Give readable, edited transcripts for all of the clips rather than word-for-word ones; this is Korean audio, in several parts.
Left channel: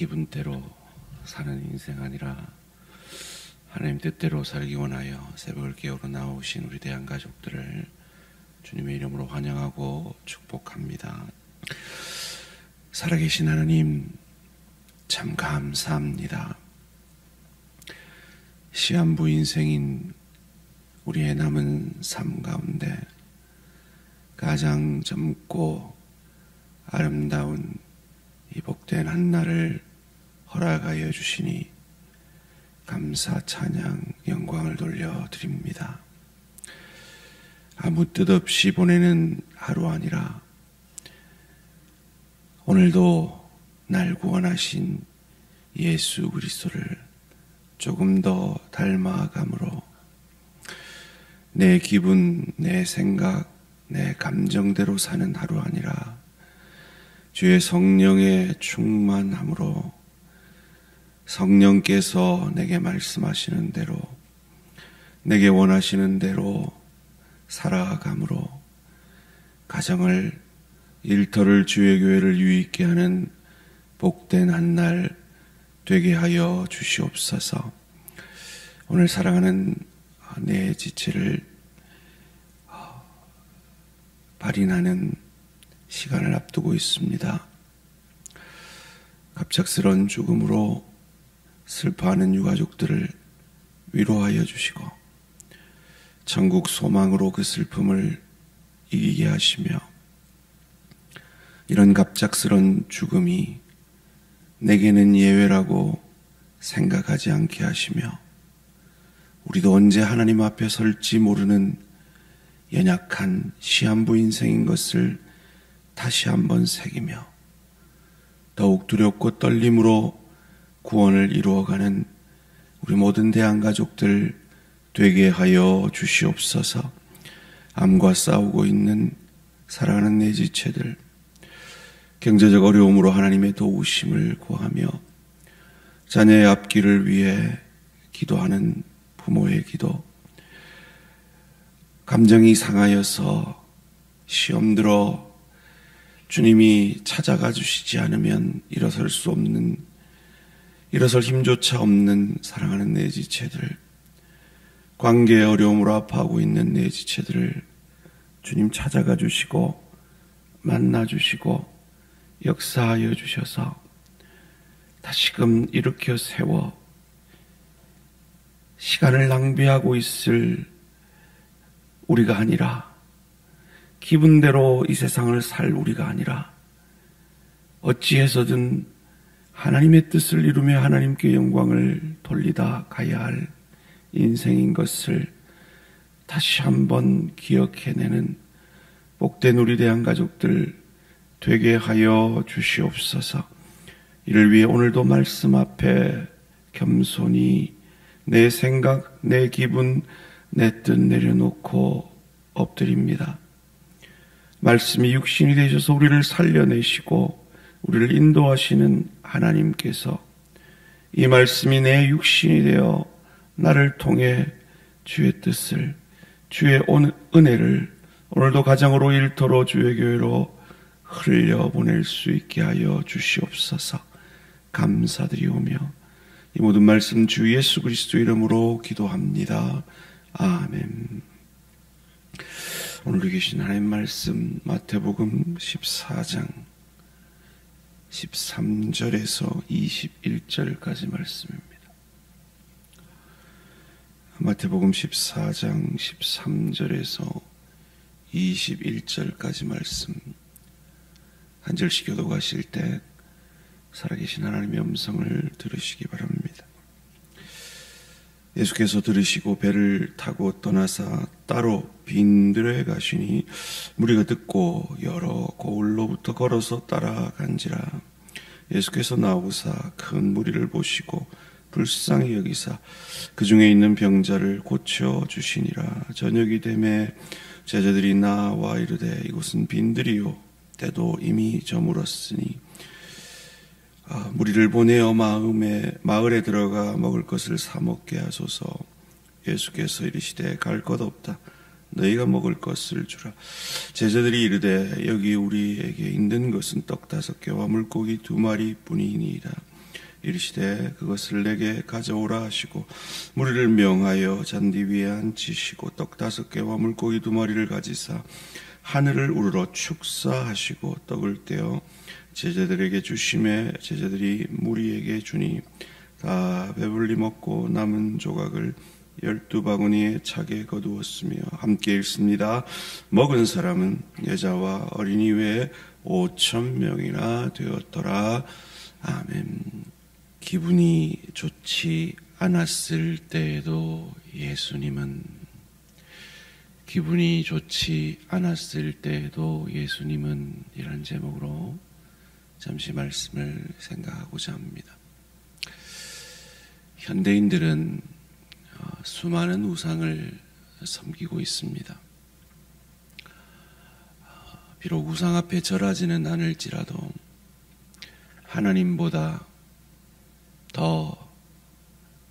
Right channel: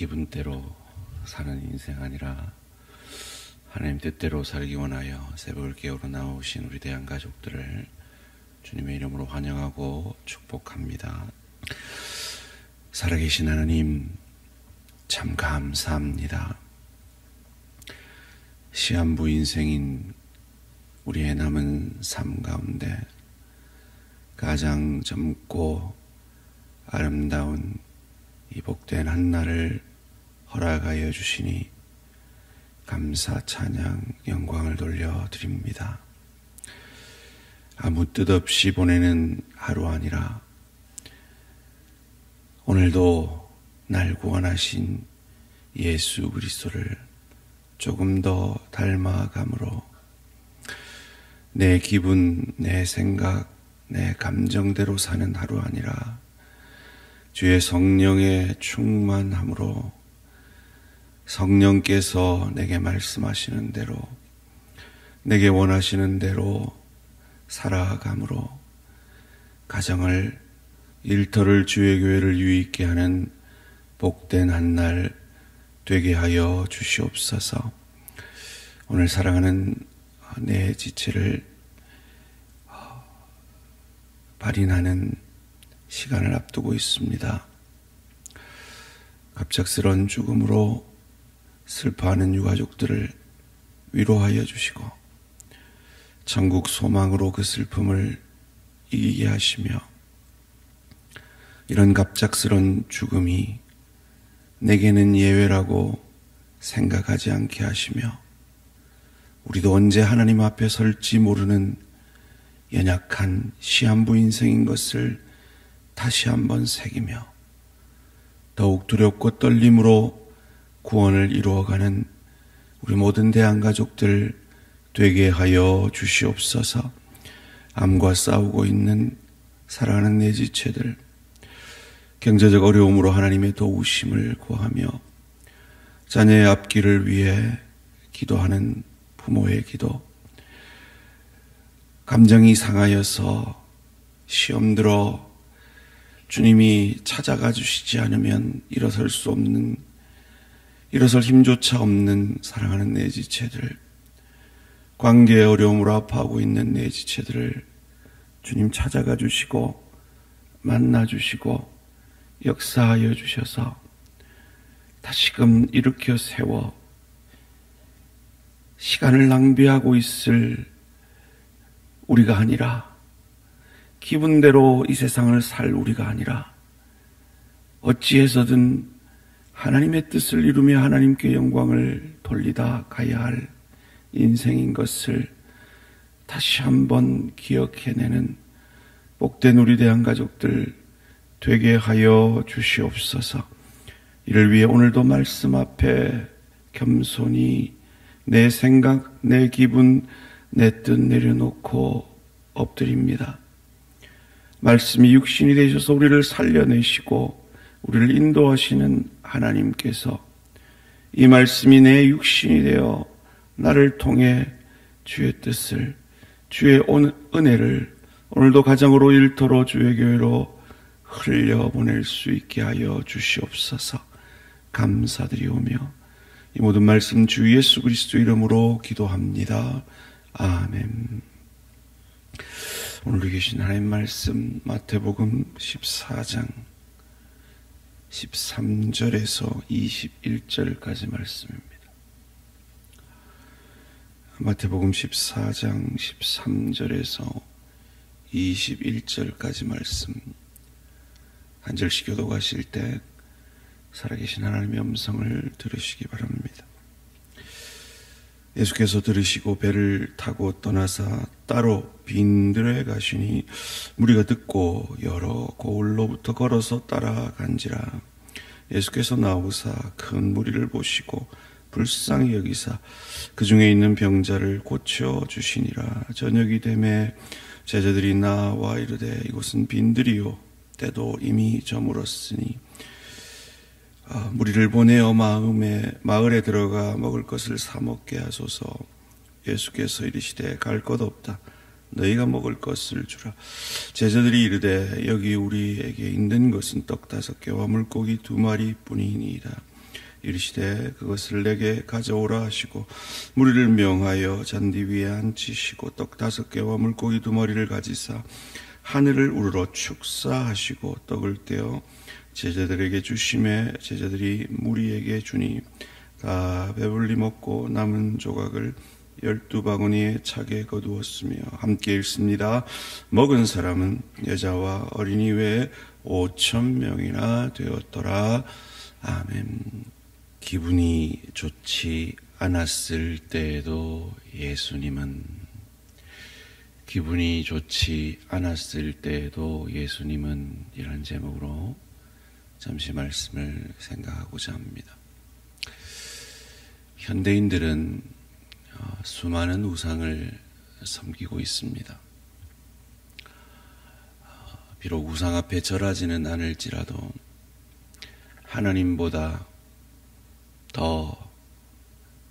기분대로 사는 인생 아니라 하나님 뜻대로 살기 원하여 새벽을 깨우러 나오신 우리 대한 가족들을 주님의 이름으로 환영하고 축복합니다. 살아계신 하나님 참 감사합니다. 시한부 인생인 우리의 남은 삶 가운데 가장 젊고 아름다운 이 복된 한날을 허락하여 주시니 감사, 찬양, 영광을 돌려드립니다. 아무 뜻 없이 보내는 하루 아니라 오늘도 날 구원하신 예수 그리스도를 조금 더 닮아감으로 내 기분, 내 생각, 내 감정대로 사는 하루 아니라 주의 성령의 충만함으로 성령께서 내게 말씀하시는 대로 내게 원하시는 대로 살아감으로 가정을 일터를 주의 교회를 유익게 하는 복된 한날 되게 하여 주시옵소서. 오늘 사랑하는 내 지체를 발인하는 시간을 앞두고 있습니다. 갑작스런 죽음으로 슬퍼하는 유가족들을 위로하여 주시고 천국 소망으로 그 슬픔을 이기게 하시며 이런 갑작스런 죽음이 내게는 예외라고 생각하지 않게 하시며 우리도 언제 하나님 앞에 설지 모르는 연약한 시한부 인생인 것을 다시 한번 새기며 더욱 두렵고 떨림으로 구원을 이루어가는 우리 모든 대한가족들 되게 하여 주시옵소서. 암과 싸우고 있는 사랑하는 내 지체들, 경제적 어려움으로 하나님의 도우심을 구하며 자녀의 앞길을 위해 기도하는 부모의 기도, 감정이 상하여서 시험 들어 주님이 찾아가 주시지 않으면 일어설 힘조차 없는 사랑하는 내 지체들, 관계의 어려움으로 아파하고 있는 내 지체들을 주님 찾아가 주시고 만나 주시고 역사하여 주셔서 다시금 일으켜 세워 시간을 낭비하고 있을 우리가 아니라 기분대로 이 세상을 살 우리가 아니라 어찌해서든 하나님의 뜻을 이루며 하나님께 영광을 돌리다 가야 할 인생인 것을 다시 한번 기억해내는 복된 우리 대한가족들 되게 하여 주시옵소서. 이를 위해 오늘도 말씀 앞에 겸손히 내 생각, 내 기분, 내 뜻 내려놓고 엎드립니다. 말씀이 육신이 되셔서 우리를 살려내시고 우리를 인도하시는 하나님께서 이 말씀이 내 육신이 되어 나를 통해 주의 뜻을, 주의 은혜를 오늘도 가정으로 일터로 주의 교회로 흘려보낼 수 있게 하여 주시옵소서. 감사드리오며 이 모든 말씀 주 예수 그리스도 이름으로 기도합니다. 아멘. 오늘 계신 하나님 말씀 마태복음 14장 13절에서 21절까지 말씀입니다. 마태복음 14장 13절에서 21절까지 말씀 한 절씩 교독하실 때 살아계신 하나님의 음성을 들으시기 바랍니다. 예수께서 들으시고 배를 타고 떠나사 따로 빈들에 가시니 무리가 듣고 여러 고을로부터 걸어서 따라간지라. 예수께서 나오사 큰 무리를 보시고 불쌍히 여기사 그 중에 있는 병자를 고쳐주시니라. 저녁이 되매 제자들이 나와 이르되 이곳은 빈들이요 때도 이미 저물었으니 무리를 보내어 마을에 들어가 먹을 것을 사 먹게 하소서. 예수께서 이르시되 갈 것 없다. 너희가 먹을 것을 주라. 제자들이 이르되 여기 우리에게 있는 것은 떡 5개와 물고기 2마리 뿐이니이다. 이르시되 그것을 내게 가져오라 하시고 무리를 명하여 잔디 위에 앉히시고 떡 5개와 물고기 2마리를 가지사 하늘을 우러러 축사하시고 떡을 떼어 제자들에게 주심에 제자들이 무리에게 주니 다 배불리 먹고 남은 조각을 12바구니에 차게 거두었으며 함께 읽습니다. 먹은 사람은 여자와 어린이 외에 5,000명이나 되었더라. 아멘. 기분이 좋지 않았을 때에도 예수님은 기분이 좋지 않았을 때에도 예수님은 이런 제목으로 잠시 말씀을 생각하고자 합니다. 현대인들은 수많은 우상을 섬기고 있습니다. 비록 우상 앞에 절하지는 않을지라도 하나님보다 더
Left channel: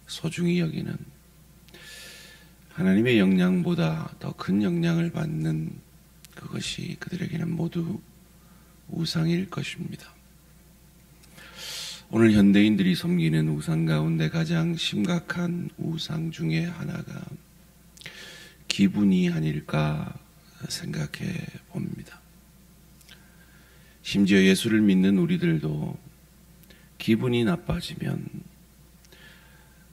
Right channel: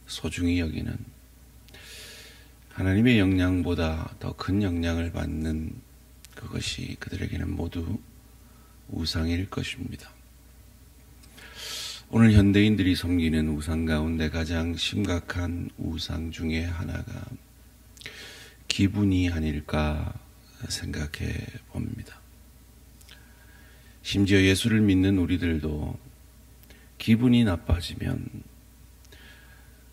소중히 여기는 하나님의 영향보다 더 큰 영향을 받는 그것이 그들에게는 모두 우상일 것입니다. 오늘 현대인들이 섬기는 우상 가운데 가장 심각한 우상 중에 하나가 기분이 아닐까 생각해 봅니다. 심지어 예수를 믿는 우리들도 기분이 나빠지면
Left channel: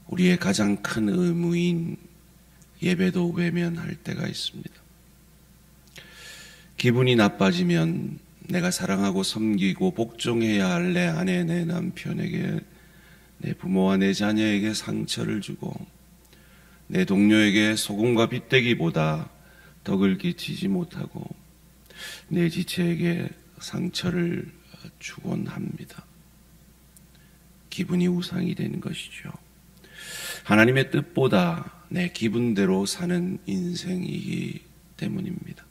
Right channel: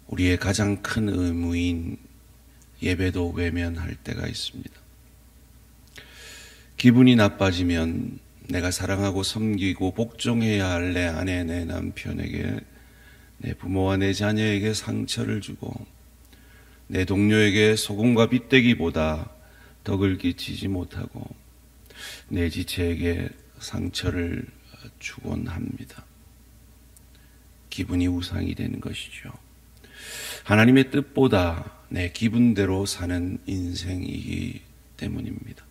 우리의 가장 큰 의무인 예배도 외면할 때가 있습니다. 기분이 나빠지면 내가 사랑하고 섬기고 복종해야 할 내 아내, 내 남편에게, 내 부모와 내 자녀에게 상처를 주고 내 동료에게 소금과 빗대기보다 덕을 끼치지 못하고 내 지체에게 상처를 주곤 합니다. 기분이 우상이 되는 것이죠. 하나님의 뜻보다 내 기분대로 사는 인생이기 때문입니다.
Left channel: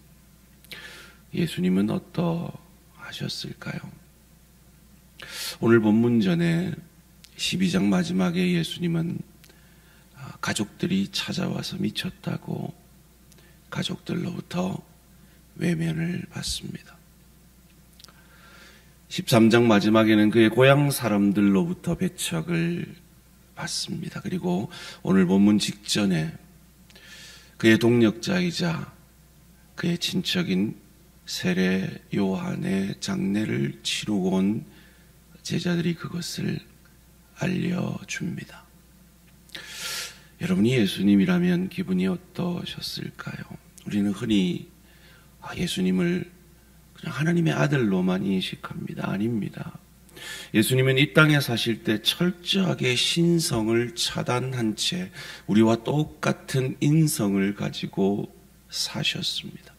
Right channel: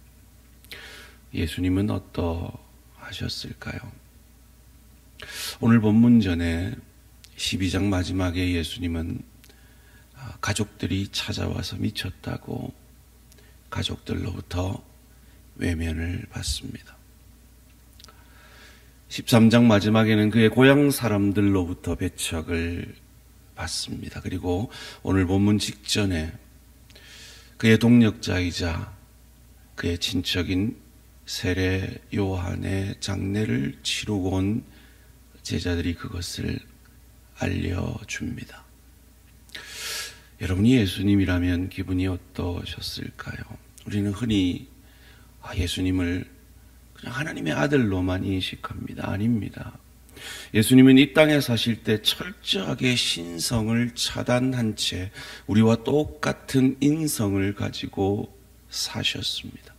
예수님은 어떠하셨을까요? 오늘 본문 전에 12장 마지막에 예수님은 가족들이 찾아와서 미쳤다고 가족들로부터 외면을 받습니다. 13장 마지막에는 그의 고향 사람들로부터 배척을 받습니다. 그리고 오늘 본문 직전에 그의 동력자이자 그의 친척인 세례 요한의 장례를 치르고 온 제자들이 그것을 알려줍니다. 여러분이 예수님이라면 기분이 어떠셨을까요? 우리는 흔히 예수님을 그냥 하나님의 아들로만 인식합니다. 아닙니다. 예수님은 이 땅에 사실 때 철저하게 신성을 차단한 채 우리와 똑같은 인성을 가지고 사셨습니다.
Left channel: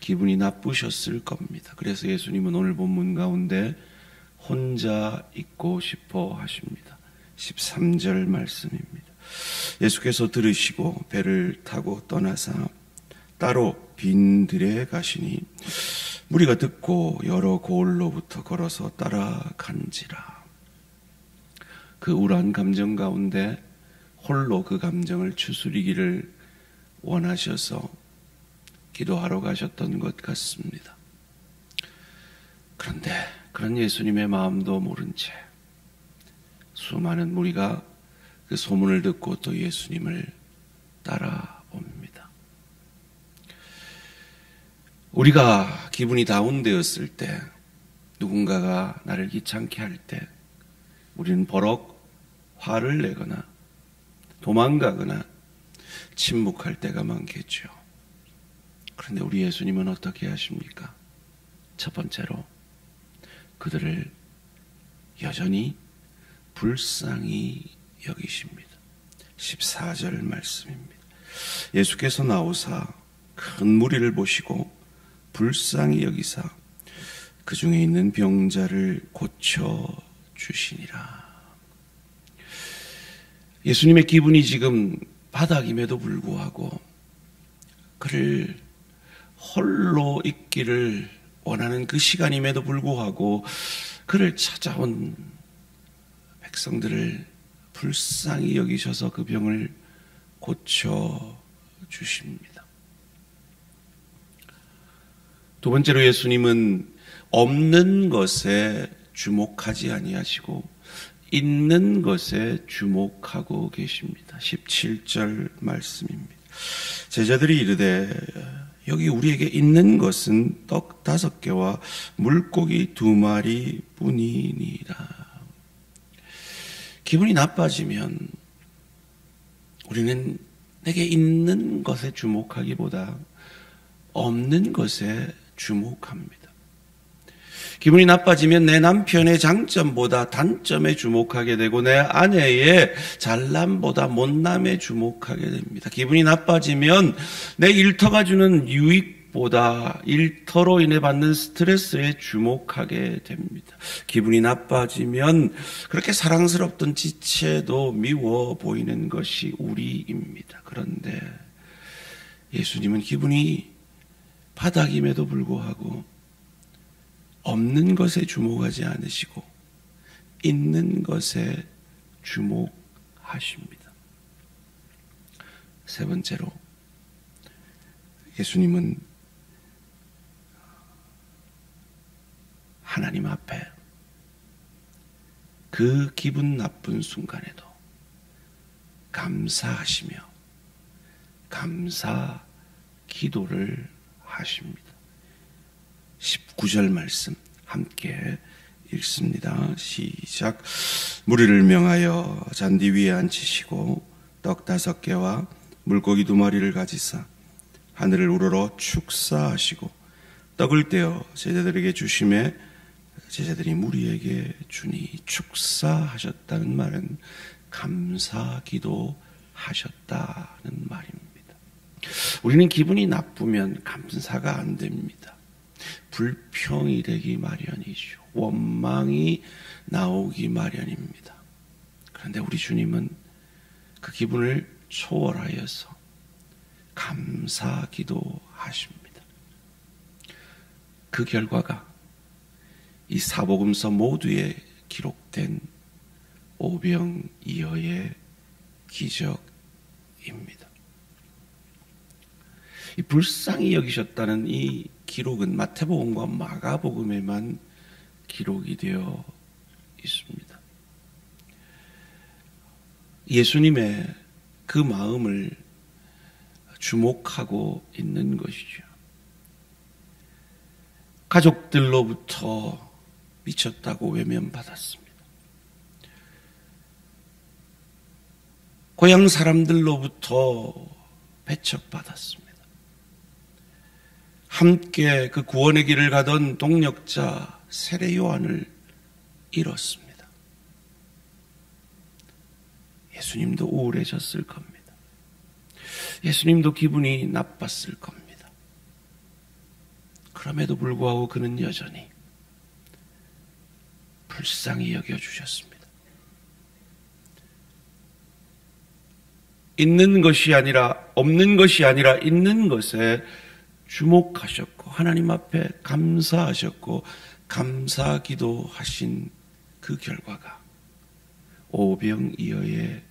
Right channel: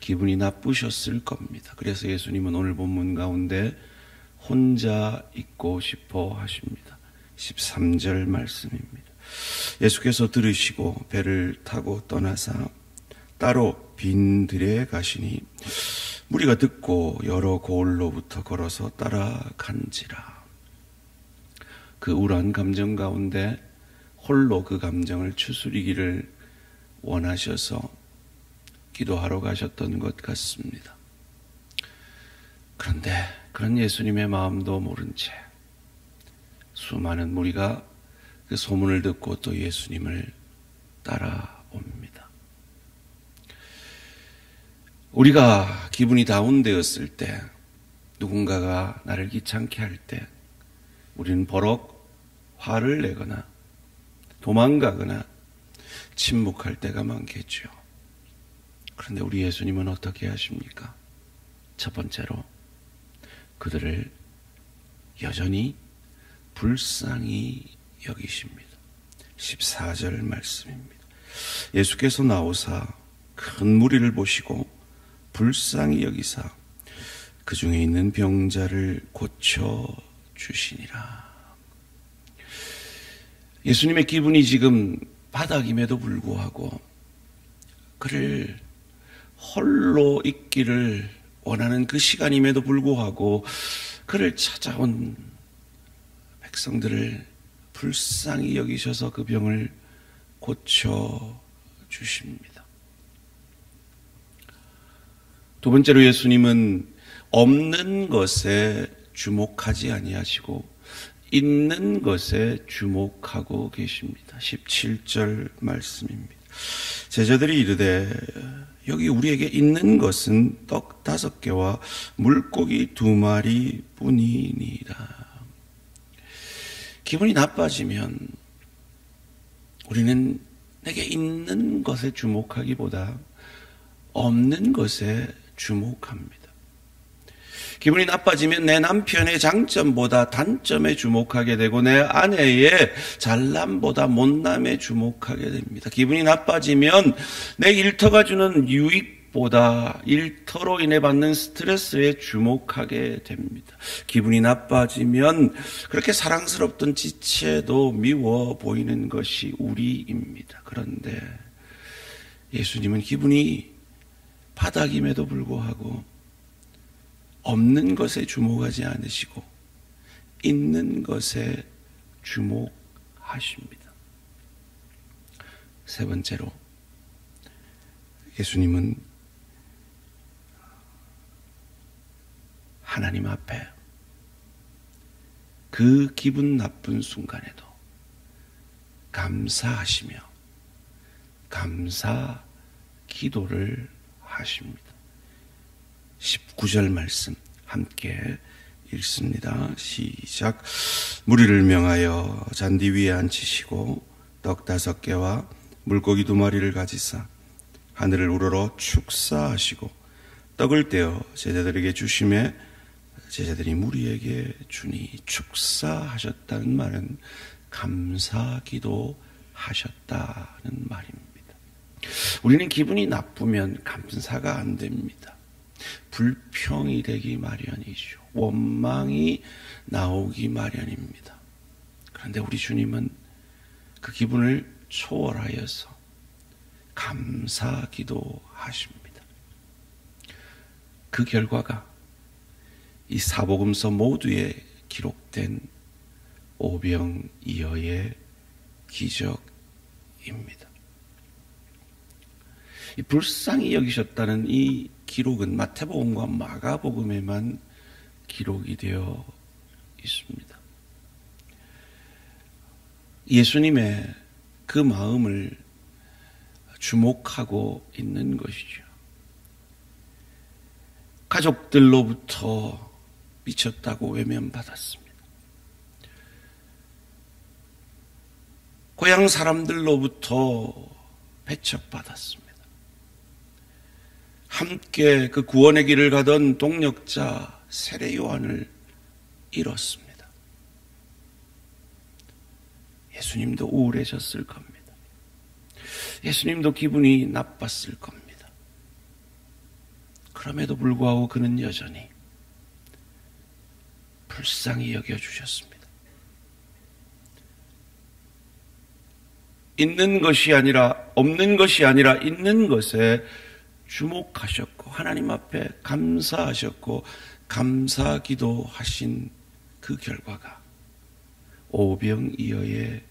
기분이 나쁘셨을 겁니다. 그래서 예수님은 오늘 본문 가운데 혼자 있고 싶어 하십니다. 13절 말씀입니다. 예수께서 들으시고 배를 타고 떠나사 따로 빈 들에 가시니 무리가 듣고 여러 고을로부터 걸어서 따라간지라. 그 우울한 감정 가운데 홀로 그 감정을 추스리기를 원하셔서 기도하러 가셨던 것 같습니다. 그런데 그런 예수님의 마음도 모른 채 수많은 무리가 그 소문을 듣고 또 예수님을 따라옵니다. 우리가 기분이 다운되었을 때, 누군가가 나를 귀찮게 할 때 우리는 버럭 화를 내거나 도망가거나 침묵할 때가 많겠죠. 그런데 우리 예수님은 어떻게 하십니까? 첫 번째로 그들을 여전히 불쌍히 여기십니다. 14절 말씀입니다. 예수께서 나오사 큰 무리를 보시고 불쌍히 여기사 그 중에 있는 병자를 고쳐주시니라. 예수님의 기분이 지금 바닥임에도 불구하고 그를 홀로 있기를 원하는 그 시간임에도 불구하고 그를 찾아온 백성들을 불쌍히 여기셔서 그 병을 고쳐주십니다. 두 번째로 예수님은 없는 것에 주목하지 아니하시고 있는 것에 주목하고 계십니다. 17절 말씀입니다. 제자들이 이르되 여기 우리에게 있는 것은 떡 5개와 물고기 2마리 뿐이니라. 기분이 나빠지면 우리는 내게 있는 것에 주목하기보다 없는 것에 주목합니다. 기분이 나빠지면 내 남편의 장점보다 단점에 주목하게 되고 내 아내의 잘남보다 못남에 주목하게 됩니다. 기분이 나빠지면 내 일터가 주는 유익보다 일터로 인해 받는 스트레스에 주목하게 됩니다. 기분이 나빠지면 그렇게 사랑스럽던 지체도 미워 보이는 것이 우리입니다. 그런데 예수님은 기분이 바닥임에도 불구하고 없는 것에 주목하지 않으시고 있는 것에 주목하십니다. 세 번째로 예수님은 하나님 앞에 그 기분 나쁜 순간에도 감사하시며 감사 기도를 하십니다. 19절 말씀 함께 읽습니다. 시작. 무리를 명하여 잔디 위에 앉히시고 떡 5개와 물고기 2마리를 가지사 하늘을 우러러 축사하시고 떡을 떼어 제자들에게 주심에 제자들이 무리에게 주니 축사하셨다는 말은 감사기도 하셨다는 말입니다. 우리는 기분이 나쁘면 감사가 안 됩니다. 불평이 되기 마련이죠. 원망이 나오기 마련입니다. 그런데 우리 주님은 그 기분을 초월하여서 감사기도 하십니다. 그 결과가 이 사복음서 모두에 기록된 오병이어의 기적입니다. 이 불쌍히 여기셨다는 이 기록은 마태복음과 마가복음에만 기록이 되어 있습니다. 예수님의 그 마음을 주목하고 있는 것이죠. 가족들로부터 미쳤다고 외면받았습니다. 고향 사람들로부터 배척받았습니다. 함께 그 구원의 길을 가던 동력자 세례 요한을 잃었습니다. 예수님도 우울해졌을 겁니다. 예수님도 기분이 나빴을 겁니다. 그럼에도 불구하고 그는 여전히 불쌍히 여겨주셨습니다. 있는 것이 아니라 없는 것이 아니라 있는 것에 주목하셨고 하나님 앞에 감사하셨고 감사기도 하신 그 결과가 오병이어의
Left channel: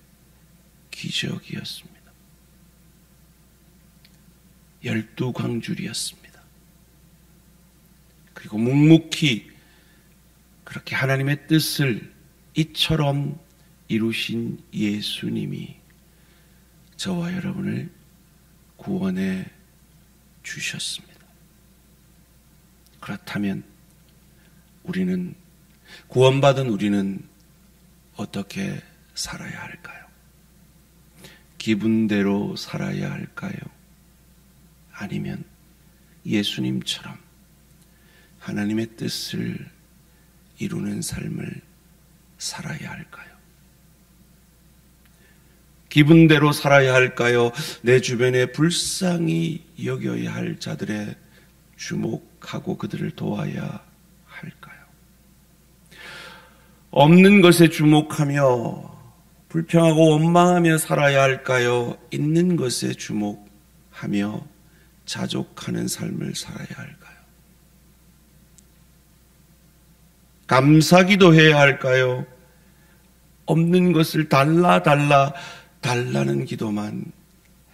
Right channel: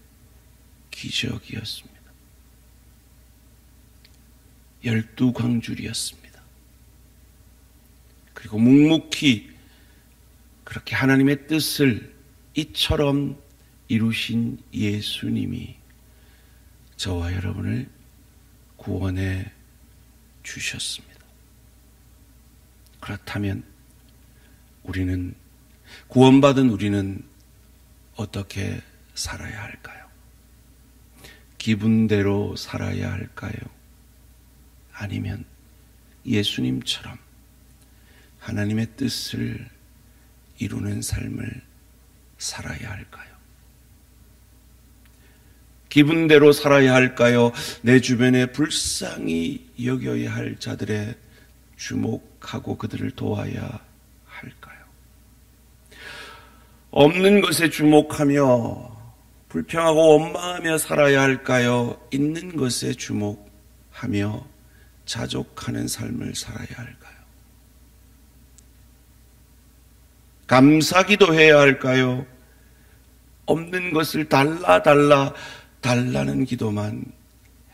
기적이었습니다. 12광줄이었습니다. 그리고 묵묵히 그렇게 하나님의 뜻을 이처럼 이루신 예수님이 저와 여러분을 구원해 주셨습니다. 그렇다면 우리는 구원받은 우리는 어떻게 살아야 할까요? 기분대로 살아야 할까요? 아니면 예수님처럼 하나님의 뜻을 이루는 삶을 살아야 할까요? 기분대로 살아야 할까요? 내 주변에 불쌍히 여겨야 할 자들의 주목하고 그들을 도와야 할까요? 없는 것에 주목하며 불평하고 원망하며 살아야 할까요? 있는 것에 주목하며 자족하는 삶을 살아야 할까요? 감사기도 해야 할까요? 없는 것을 달라는 기도만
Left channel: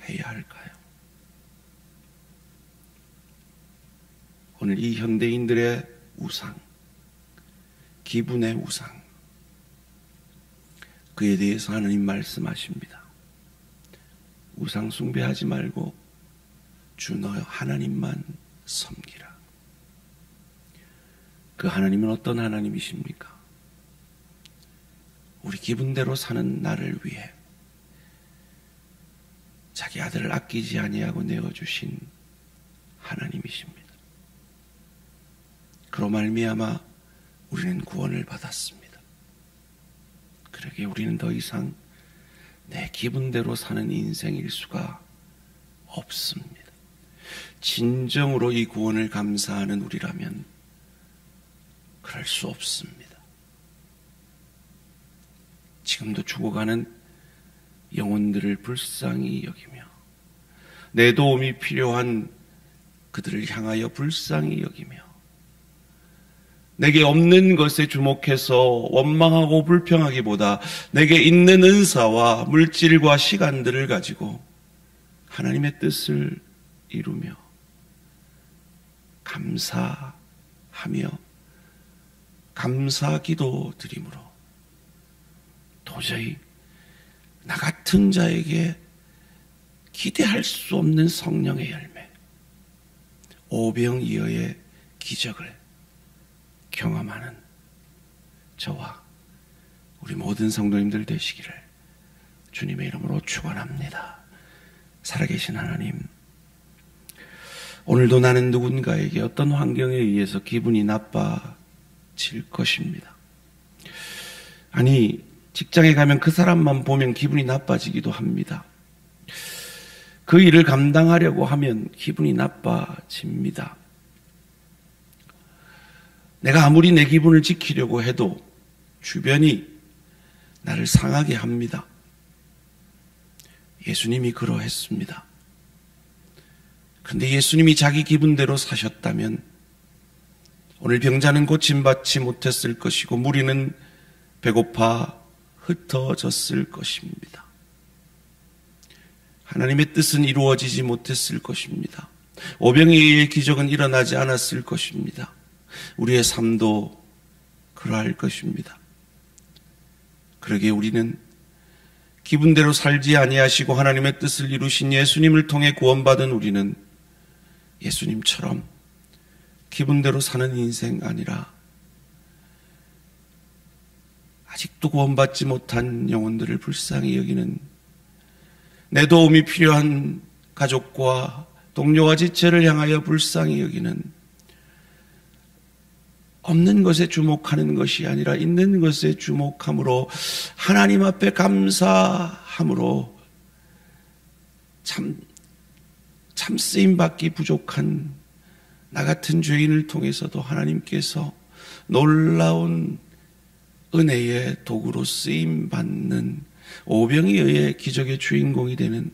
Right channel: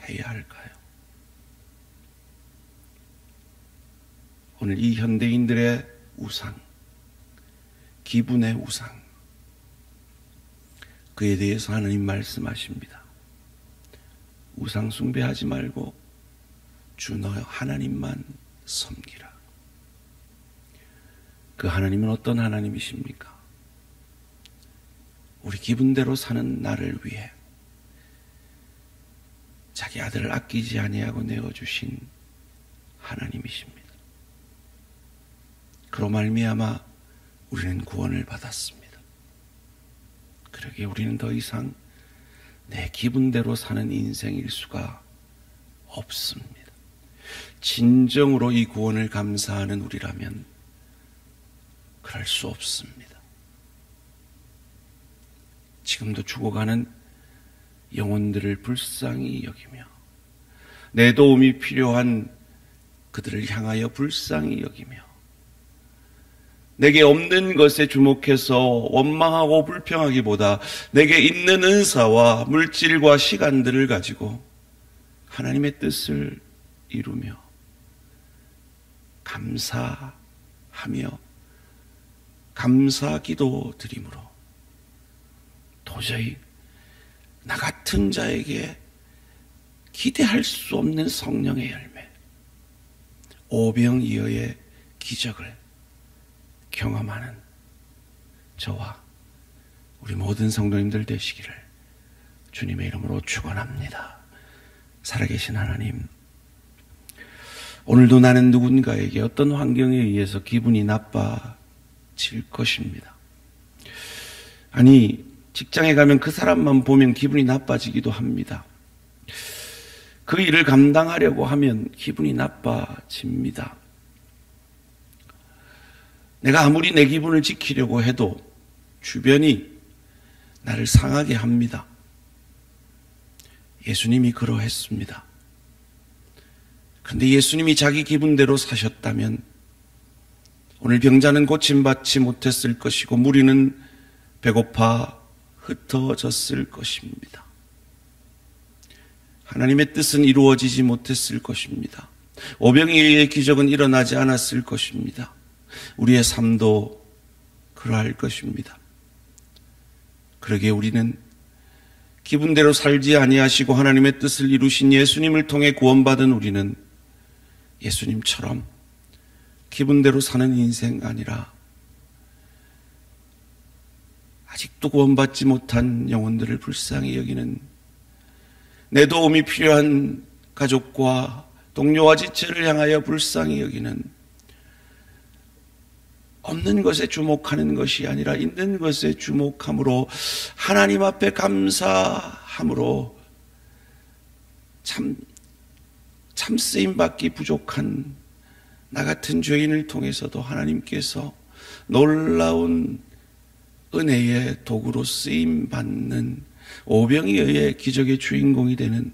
해야 할까요? 오늘 이 현대인들의 우상, 기분의 우상, 그에 대해서 하나님 말씀하십니다. 우상 숭배하지 말고 주 너 하나님만 섬기라. 그 하나님은 어떤 하나님이십니까? 우리 기분대로 사는 나를 위해 자기 아들을 아끼지 아니하고 내어주신 하나님이십니다. 그로 말미암아 우리는 구원을 받았습니다. 그러기에 우리는 더 이상 내 기분대로 사는 인생일 수가 없습니다. 진정으로 이 구원을 감사하는 우리라면 그럴 수 없습니다. 지금도 죽어가는 영혼들을 불쌍히 여기며 내 도움이 필요한 그들을 향하여 불쌍히 여기며 내게 없는 것에 주목해서 원망하고 불평하기보다 내게 있는 은사와 물질과 시간들을 가지고 하나님의 뜻을 이루며 감사하며 감사 기도 드림으로 도저히 나 같은 자에게 기대할 수 없는 성령의 열매, 오병이어의 기적을 경험하는 저와 우리 모든 성도님들 되시기를 주님의 이름으로 축원합니다. 살아계신 하나님, 오늘도 나는 누군가에게 어떤 환경에 의해서 기분이 나빠질 것입니다. 아니, 직장에 가면 그 사람만 보면 기분이 나빠지기도 합니다. 그 일을 감당하려고 하면 기분이 나빠집니다. 내가 아무리 내 기분을 지키려고 해도 주변이 나를 상하게 합니다. 예수님이 그러했습니다. 그런데 예수님이 자기 기분대로 사셨다면 오늘 병자는 고침받지 못했을 것이고 무리는 배고파 흩어졌을 것입니다. 하나님의 뜻은 이루어지지 못했을 것입니다. 오병이어의 기적은 일어나지 않았을 것입니다. 우리의 삶도 그러할 것입니다. 그러기에 우리는 기분대로 살지 아니하시고 하나님의 뜻을 이루신 예수님을 통해 구원받은 우리는 예수님처럼 기분대로 사는 인생 아니라 아직도 구원받지 못한 영혼들을 불쌍히 여기는 내 도움이 필요한 가족과 동료와 지체를 향하여 불쌍히 여기는 없는 것에 주목하는 것이 아니라 있는 것에 주목함으로 하나님 앞에 감사함으로 참 쓰임받기 부족한 나 같은 죄인을 통해서도 하나님께서 놀라운 은혜의 도구로 쓰임받는 오병이어의 기적의 주인공이 되는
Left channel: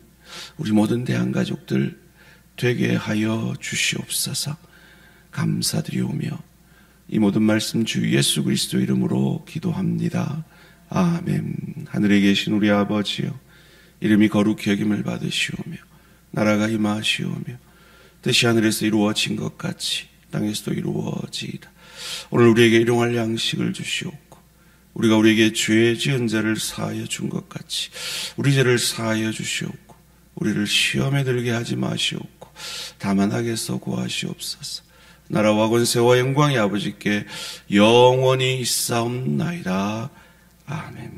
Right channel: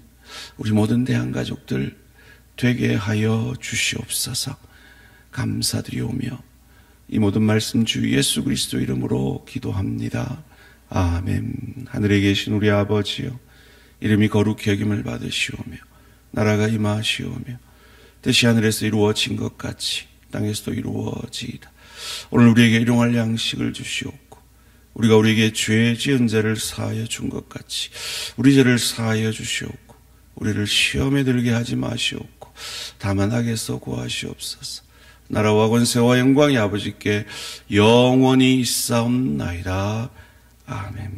우리 모든 대한가족들 되게 하여 주시옵소서. 감사드리오며 이 모든 말씀 주 예수 그리스도 이름으로 기도합니다. 아멘. 하늘에 계신 우리 아버지여, 이름이 거룩히 여김을 받으시오며 나라가 임하시오며 뜻이 하늘에서 이루어진 것 같이 땅에서도 이루어지이다. 오늘 우리에게 일용할 양식을 주시옵고 우리가 우리에게 죄 지은 자를 사하여 준 것 같이 우리 죄를 사하여 주시옵고 우리를 시험에 들게 하지 마시옵고 다만 악에서 구하시옵소서. 나라와 권세와 영광이 아버지께 영원히 있사옵나이다. 아멘.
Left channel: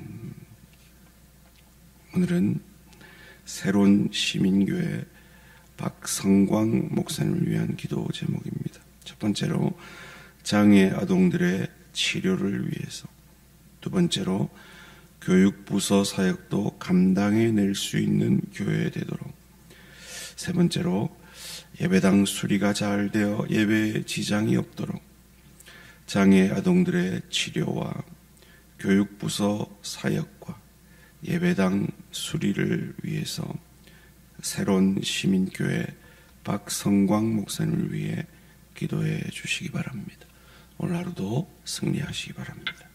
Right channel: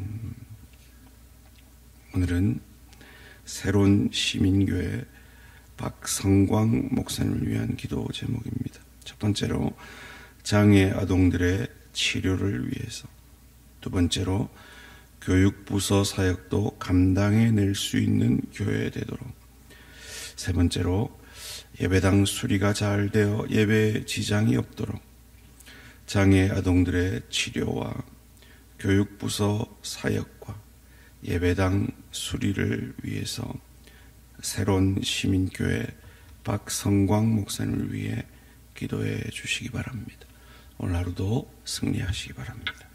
오늘은 새로운 시민교회 박성광 목사님을 위한 기도 제목입니다. 첫 번째로 장애 아동들의 치료를 위해서, 두 번째로 교육부서 사역도 감당해낼 수 있는 교회 되도록, 세 번째로 예배당 수리가 잘 되어 예배에 지장이 없도록 장애 아동들의 치료와 교육부서 사역과 예배당 수리를 위해서 새로운 시민교회 박성광 목사님을 위해 기도해 주시기 바랍니다. 오늘 하루도 승리하시기 바랍니다.